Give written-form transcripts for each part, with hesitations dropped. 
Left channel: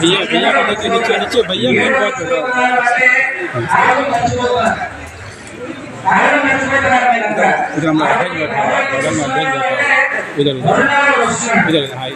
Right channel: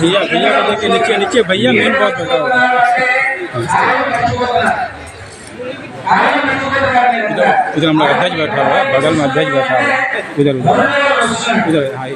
भैया भैया को देखिए नीचे नीचे भैया मेन बात इधर हम लोग अध्यक्ष बैठा हुआ है, बगल में अध्यक्ष बैठा हुआ है, उधर उधर हाँ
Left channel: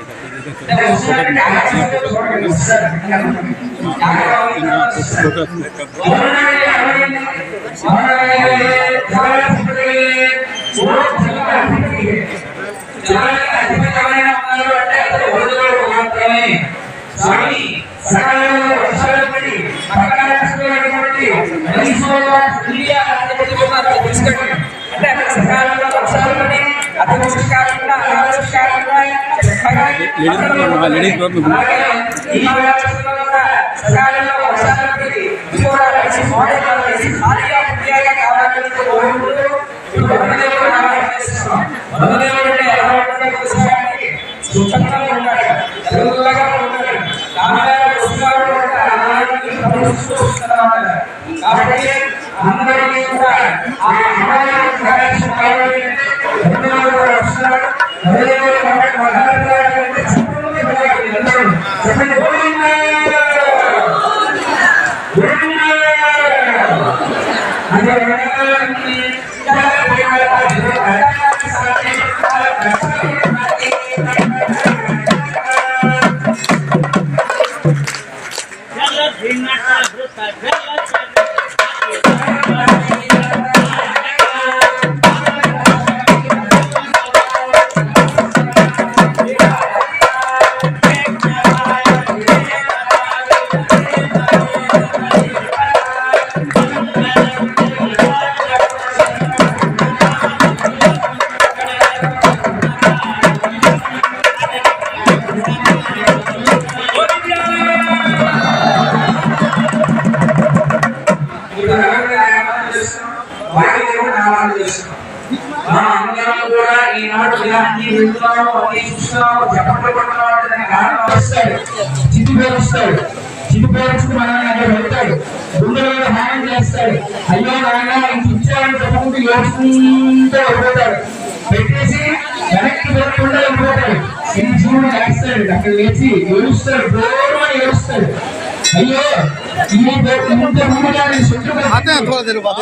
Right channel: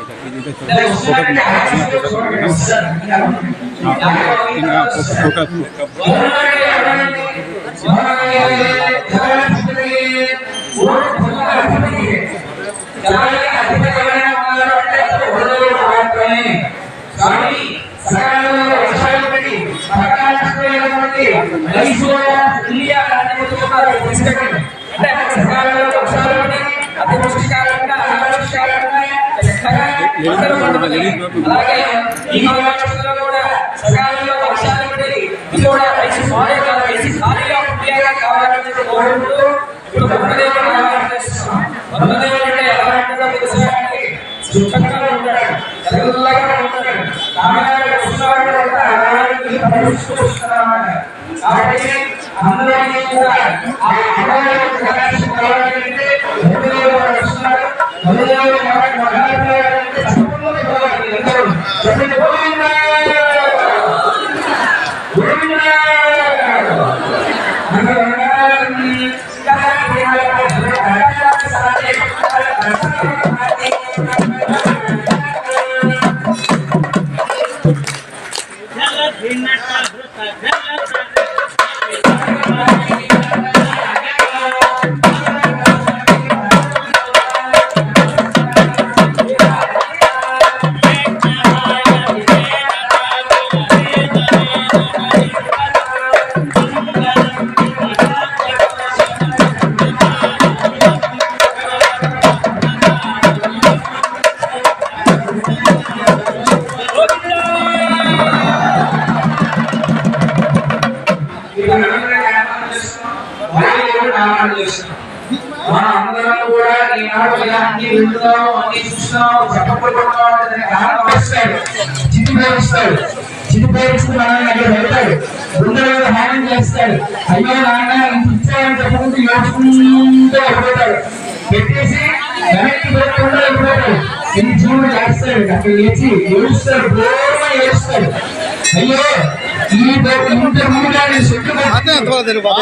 आते हैं थोड़ा देर बाद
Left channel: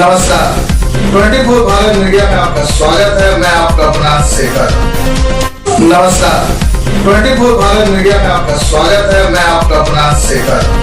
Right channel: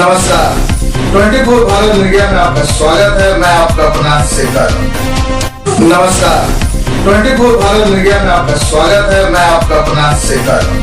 नमस्कार 24 भारत मीडिया में आपका स्वागत है। मैं आपका अपना शेखर। नमस्कार 24 भारत मीडिया में आपका स्वागत है। मैं आपका अपना शेखर।